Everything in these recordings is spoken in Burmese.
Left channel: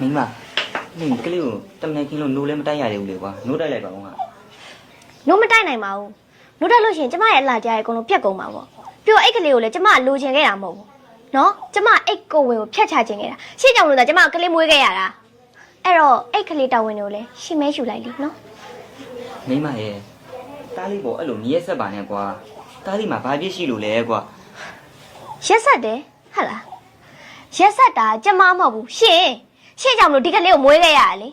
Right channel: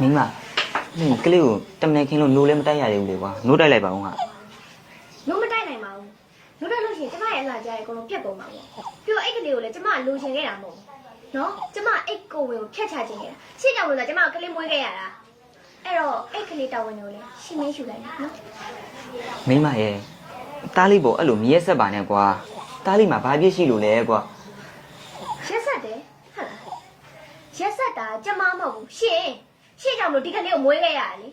မင်းမဒီကလေးကိုတမန်ခင်းလို့နိုးလည်းမတိုက်ရသေးဘူးလေကွာနိုးတိုက်လိုက်ပါဦးဟာနိုးမတိုက်နိုင်ပါဘူးနိုးတိုက်လို့ရှရင်ကျမရဲ့အလှကြားရဲ့အကုန်လုံးပြတ်ကုန်မှာပေါ့ပြီးတော့အိတ်ကလေးကိုလည်းကျမလိုချင်ခဲ့တာမဟုတ်ဘူးနော်ကျမအိတ်ကိုဝင်ကိုဖျက်ချခြင်းခဲ့တာရှင်းကြောင်လို့သာကျမကလေးမွေးခဲ့ရတာအဲ့တော့အိတ်ကလေးတာဝန်တွေကိုလည်းရှင်းမဲယူလိုက်လိနော်မင်းမရဲ့တားလေးပေါ်အဲ့လိုမြဲဆက်ပါနဲ့ကွာတားလေးမှာဘာပြည့်ရှိလို့လဲကွာရက်ဆက်တယ်ဟုတ်လားရက်ဆက်တာကျမမဟုတ်ဘူးရှင်း ရှင်းကြောင်လို့ဒီကလေးကိုမွေးခဲ့ရတာလေ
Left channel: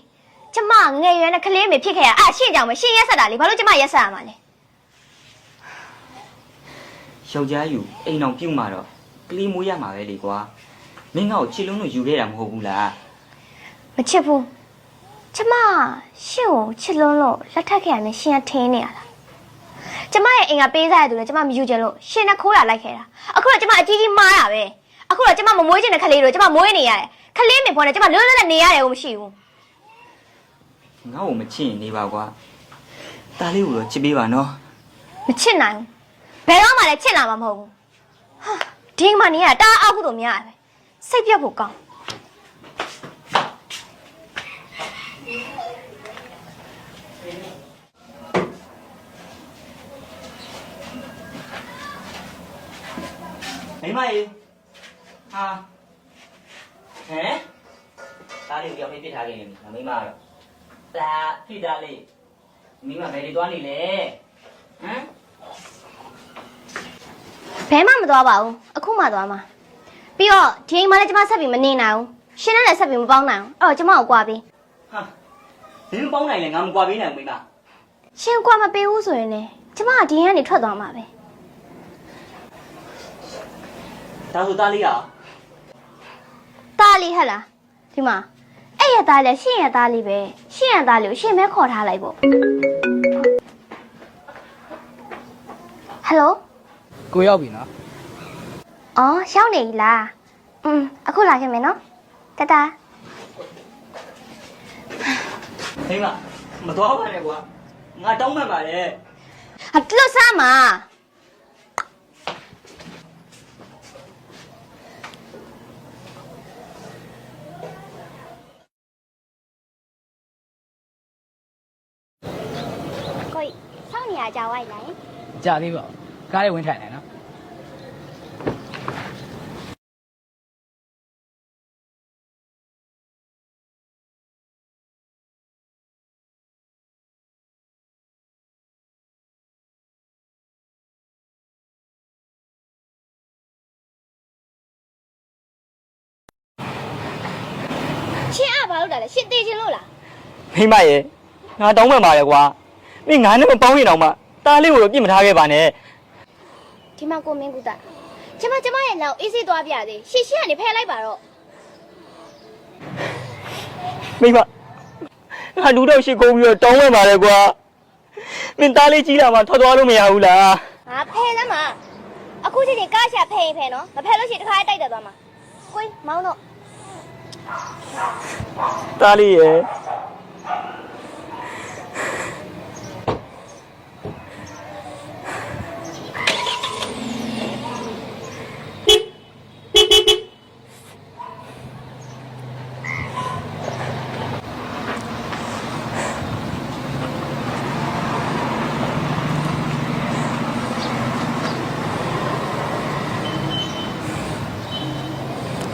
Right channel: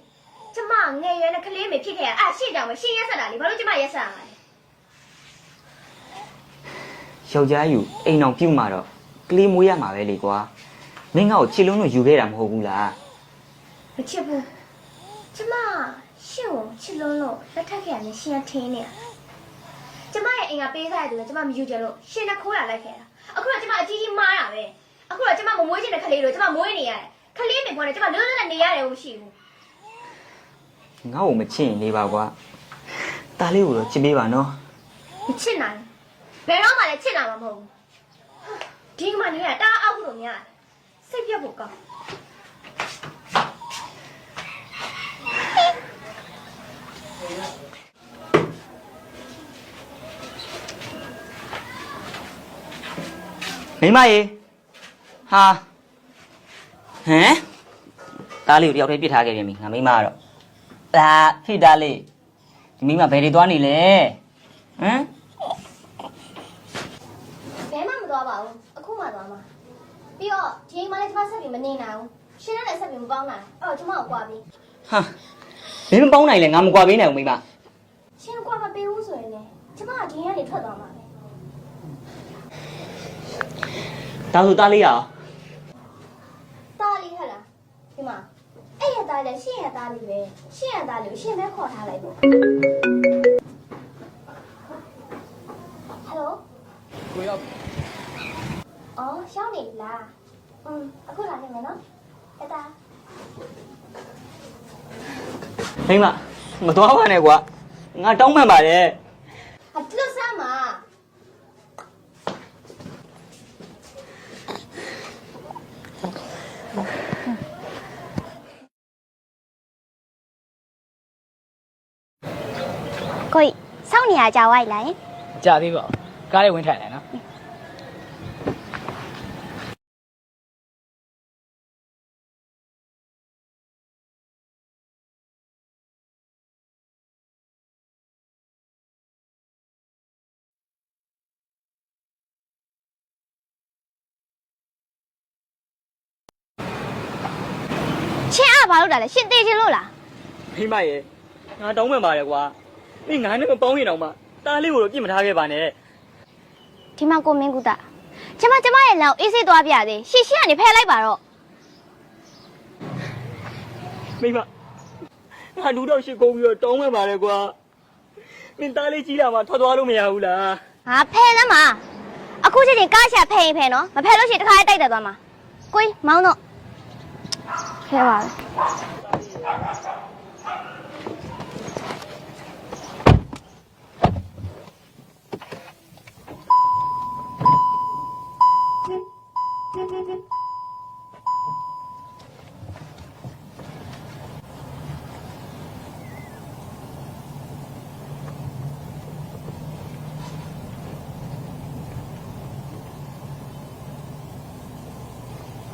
ကျမငယ်ရွယ်နဲ့ကလေးမေဖြစ်ခဲ့ရအဲ့ရှင်းကြောင်မရှင်းရက်ဆက်တာလေဘာလို့ကျမရက်ဆက်ရမှာလဲယောက်ျားယူအိမ်အောင်ပြုတ်มาတော့ကလေးမွေးရမှာပဲလေကွာမင်းငါ့ကိုချစ်လုံးလို့ယူခဲ့တာမဟုတ်ဘူးလားမချစ်ဘူးကျမရှင့်ကိုချစ်လုံးလို့လက်ထပ်ခဲ့ရတယ်ရှင်ကထင်းနေရလားကျမရဲ့အိမ်ကပေးစားရသူလည်းကျမမယူချင်လို့ရှင်နဲ့ခိုးရလိုက်ခဲ့တာအခုတော့ကျမအကြီးကြီးမားတာပဲ အခုတော့ကျမမမွေးချင်တဲ့ခလေးတို့ကျမမွေးနေရတယ်ခလေးမေပေါ်နဲ့ကျမလွတ်လွတ်နဲ့နေရတယ်ကိုမရှိဘူးငါ့ကိုမချစ်ရင်နေပါကွာတားလေးကိုတော့ချစ်ပေးပါနော်မချစ်နိုင်ဘူးဘယ်တော့မှလည်းချစ်လာမှာမဟုတ်ဘူးဟာဒီမှာနေရတာအားအောက်ဖို့တော့များတယ်စိတ်ပြတ်ဖို့ကောင်းမိမရေ ဟာဟမ်တားလေးကိုတယောက်တည်းပြစ်ထားခဲ့ပြန်ပြီငါမိမကတော့အာဖိတားလေးဒီမိမဘယ်တွေသွားနေလဲဟမ်ဘဲမှမသွားပါဘူးအခုမှသွားမှာပြီးတော့ဒီအိမ်မှာလည်းကျမဆက်ပြီးမနေနိုင်ဘူးရှင်နဲ့လည်းဆက်ပြီးမပေါင်းနိုင်ဘူးအဲ့တော့ကျမကိုကြွားပြီးဟာဘယ်မပေါင်းနိုင်လဲငါမကွာပေးနိုင်ဘူးမိမရှင်ကွာမပေးဘူးဆိုရင်လည်းကျမကဒီရင်ကနေထွက်သွားမှာပဲဒါဆိုတားလေးရအောင် တားလေးဟဲ့လားဒီမှာအဲ့ရသားလည်းရှင်ရသားလေးပဲရှင်ရသားလေးကိုရှင်ပဲခေါ်ထားလိုက်ပေါ့ဟယ်လိုကိုရောက်ပြီလားအော်ရှောင်းနေပြီလားอืมအခုလာခဲ့မယ်နော်တတာမိမမသွားပါနဲ့ကွာငါတောင်းပန်ပါတယ်ဟာတလို့စားမှာ ကိုကြီးစောင့်နေရကြဝိုက်လားယင်မကြသေးပါဘူးကားလေးဝင်ထိုင်တယ်နော်ရှင်အားဘာလို့တာလဲရှင်တေးချင်းလို့လားမိမရေငါတောင်းပန်ပါတယ်ကွာ မင်းငါနဲ့မပေါင်းရင်တော့မှတားလေးကိုတော့ပြစ်မထားခဲ့ပါနဲ့ဒီမှာကိုမင်းကူတာကျမကျမရဲ့လမ်းကိုအေးဆေးသွားပြသေးရှီရှီကနေဖယ်လိုက်ပါတော့မိမငါလူတော့ရှိကုန်ပြီးတော့တောင်းပန်ပါတယ်ကွာမင်းတားလေးကြီးလာမှထွက်သွားလို့မရဘူးလားဟာဖယ်သမ်းမှာအခုချိန်ချင်းကားရှာဖယ်ရင်ဖယ်နော်မဖယ်လို့ရှိရင်တစ်ခါလေးတိုက်တက်သွားမှာကိုကြီးမောင်းတော့ဖယ်ပါတားလေးရေ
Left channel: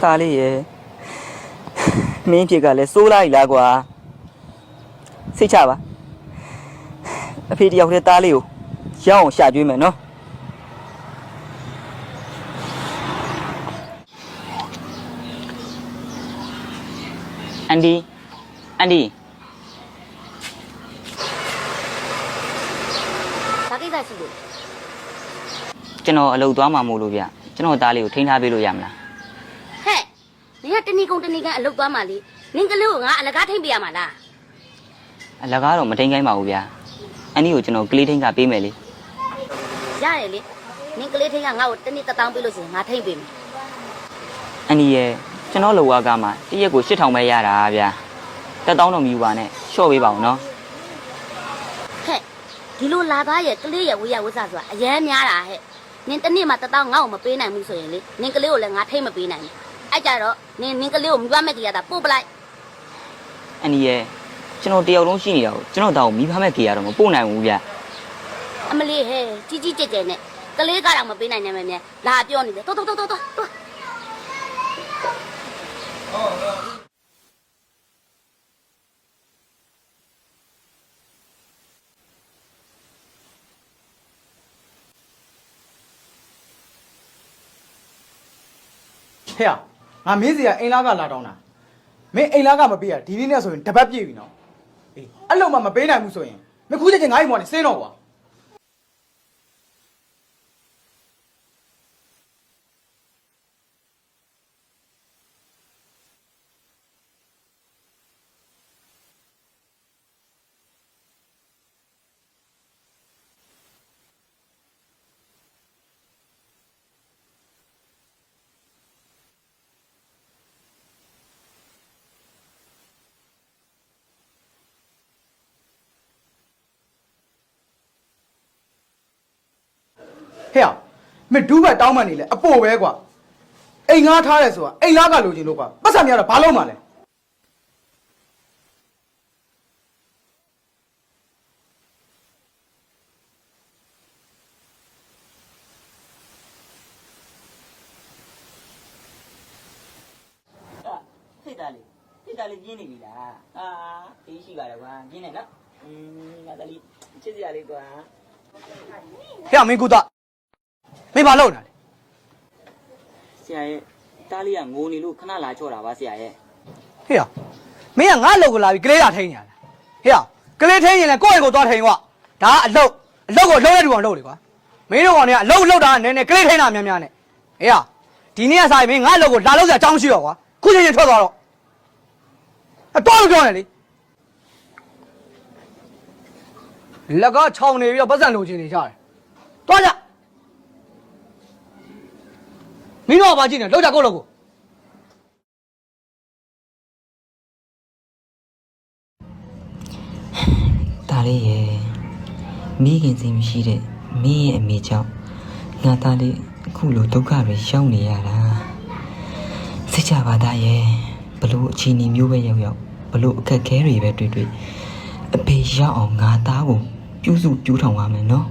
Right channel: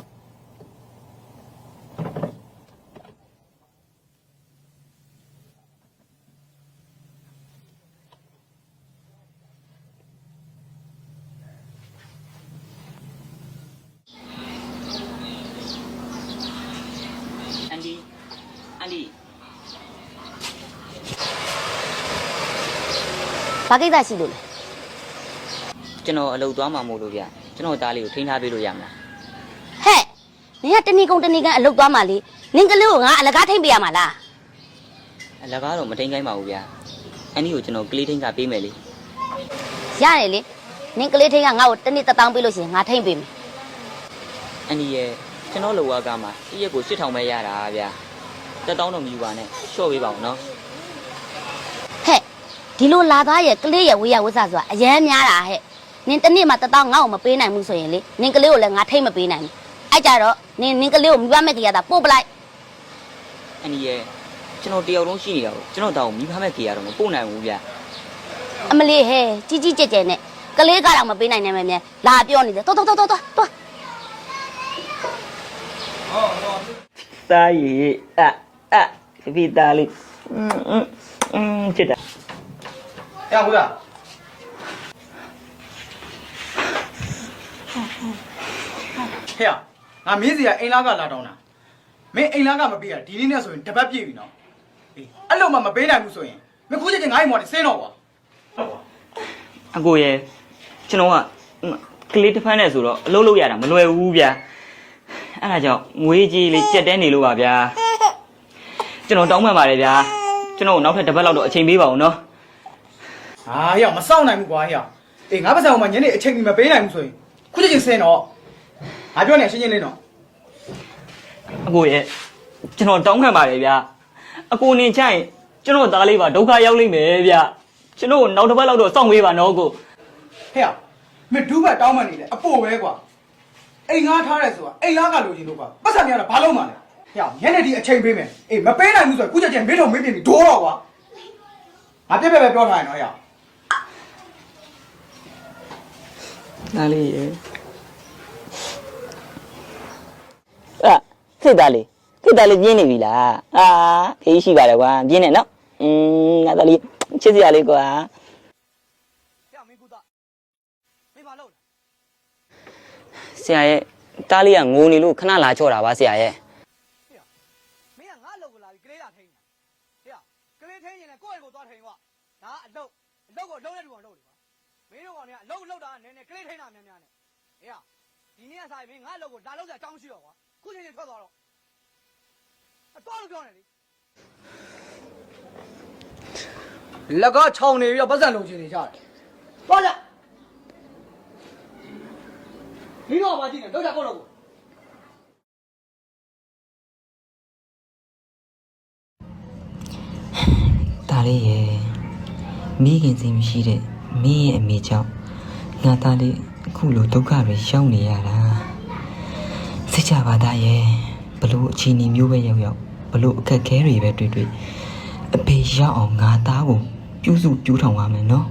သားလေးရဲ့မင်းဖြစ်ကလည်းစိုးလိုက်လားကွာစိတ်ချပါအဖေတယောက်တည်းသားလေးကိုရအောင်ရှာကျွေးမယ်နော်အန်ဒီအန်ဒီဘာကိစ္စရှိလို့လဲကျွန်တော်အလုပ်သွားမှာမို့လို့ဗျကျွန်တော်သားလေးကိုထိန်းထားပေးလို့ရမလားဟဲ့ နင်ကတဏီကုံတဏီကန်အလုတ်သွားမှလေနင်ကလေးကိုငါအလကားထိမ့်ပေးရမှာလားအလကားတော့မထိန်းခိုင်းပါဘူးဗျအန်ဒီကိုကျွန်တော်ကလေးထိန်းထားပေးမယ်လေရတယ်လေနင်ကလေးထိန်ကငါ့ကိုတနေ့တစ်တောင်းပေးလို့ရှိရင်ငါထိမ့်ပေးမယ်အန်ဒီရဲ့ကျွန်တော်လောကကမှာတရက်ကို8000ပဲရတာဗျတက်တောင်းတော့မယူပါနဲ့ရှော့ပေးပါဦးနော်ဟဲ့ဒီလိုလာသားရဲ့ကလေးရဲ့ဝေးရဝတ်စားဆိုတာအရန်များတာဟဲ့နင်တနေ့မှတစ်တောင်းငါ့ကိုမပေးနိုင်ဘူးဆိုရင်လေနင်ကလေးကိုလည်းငါထိမ့်မပေးနိုင်ဘူး အဲ့ကြတော့နင်နင်ကလေးကိုမိဘမဲ့ကြီးရတာပို့ပလိုက် ဟ အန်ဒီရဲ့ကျွန်တော်တယောက်လုံးရှိနေတာကိုကျွန်တော်တောင်မိဖမဲ့ကေရတော့မပို့နိုင်ဘူးဗျ အမလေးဟဲ့ကြီးကြီးကျယ်ကျယ်နဲ့ကလေးကတော့မပေးနိုင်နိုင်မယ်မြန်လာပြောနေတယ်တော်တော်တော်တော်တော် သားရီအအဒီသားလေးอืมอืมอืมချစ်တာ ရဘူးလားဟဲ့ ငါမင်းစီကအိမ်လာကလာတောင်းတာမင်းအိမ်လာကမပေးရဒီနေ့နဲ့ဆိုရင်တပတ်ပြည့်ပြီနော်အေးအဲ့လိုမှမပေးနိုင်ဘူးဆိုရင်မခုချက်ချင်းငါ့အိမ်မော်နေစင်းတော့ကွာအကိုရဲ့ကျွန်တော်ကကလေးတစ်ဖက်နဲ့ဆိုတော့အလုပ်လုပ်ရတာမလွယ်ဘူးဗျာအဲ့ဒါကြောင့်ငွေကြီးလေးကြက်တဲနေလို့ပါဗျာကျွန်တော်တောင်းပန်ပါတယ်ဗျာကျွန်တော်နောက်ထပ်တစ်ပတ်လောက်တော့အချိန်ပေးပါဦးနော်ဟာဟဲ့မစောင့်နိုင်ဘူးကွာဟဲ့အေးငါပါစံအောင်မညနေအချိန်ကြီးမပေးနိုင်ဘူးဆိုရင်ခုချက်ချင်းစင်းတော့ ငါပြောနေရှင်းရှင်းလေးနော်အကိုရဲ့ကျွန်တော်တောင်းခံပါတယ်ဗျာအကိုနေချိုင်ကျွန်တော်သားလေးပါဒုက္ခရောက်လိမ့်မယ်ဗျာကျွန်တော်နောက်တစ်ပတ်လောက်တော့စောင့်ပေးပါနော်အကိုဟဲ့မင်းဒူးဘက်တောင်းမှန်နေလေအပို့ပဲကွာအိမ်ငါထားရဲဆိုတာအိမ်လာကလိုချင်လို့ကွာပတ်စံများတော့ဘာလို့မှလဲဟဲ့ညနေဒီအချိန်ပေးမယ်အေးမပေးနိုင်ဘူးဆိုရင်ခုချက်ချင်းမင်းတို့မင်းပြင်ပြီးဒိုးတော့ကွာငါပြက်ပြက်ပဲပြောထားရင်တော့ဟဲ့သားလေးရဲ့အာ ဖြစ်သားလေးဖြစ်သားလေးပြင်းနေပြီလားအာဖေးရှိပါတယ်ကွာပြင်းနေနော်อืมငါသားလေးချစ်စရာလေးကွာဟဲ့မင်းကူသားမင်းဘာလုပ်နေလဲဆရာရဲ့တားလေးကငိုနေလို့ခဏလာချော့တာပါဆရာရဲ့ဟေ့ရမင်းကငါ့အလုပ်ကိုလာပြီးကလေးလာထိန်နေရလားဟေ့ရကလေးထိန်ရင်လည်းကိုယ့်အိမ်ကိုသွားထိန်ကွာဒါကအလုပ်အလုပ်ကိုလုံးရတူအောင်လုပ်လေကွာမင်းတို့ကောင်တွေကအလုပ်လုပ်တာကနည်းနည်းကလေးထိန်တာများများနဲ့ဟေ့ရဒီနေ့ကစားရင်မင်းငါ့အလုပ်ကိုလာလို့စရာအကြောင်းရှိတော့ကွာခုချိန်ချင်းထွက်သွားတော့ အတော့လို့ပြောနေလေလက်ကချောင်းနေပြီးတော့ပတ်စံလိုချင်နေကြတယ်သွားကြမင်းတို့ကဘာကြည့်နေလောက်ကြကိုယ့်လောက်ကိုတားလေးရဲ့မိခင်စိတ်မရှိတဲ့မင်းရဲ့အမေကြောင့်ငါသားလေးအခုလိုဒုက္ခတွေရောက်နေရတာစိတ်ချပါသားရဲ့ ဘလို့အချိန်မျိုးပဲရောက်ရောက်ဘလို့အခက်ခဲတွေပဲတွေ့တွေ့အဖေရောက်အောင်ငါသားကိုပြုစုပြူးထောင်ရမယ်နော်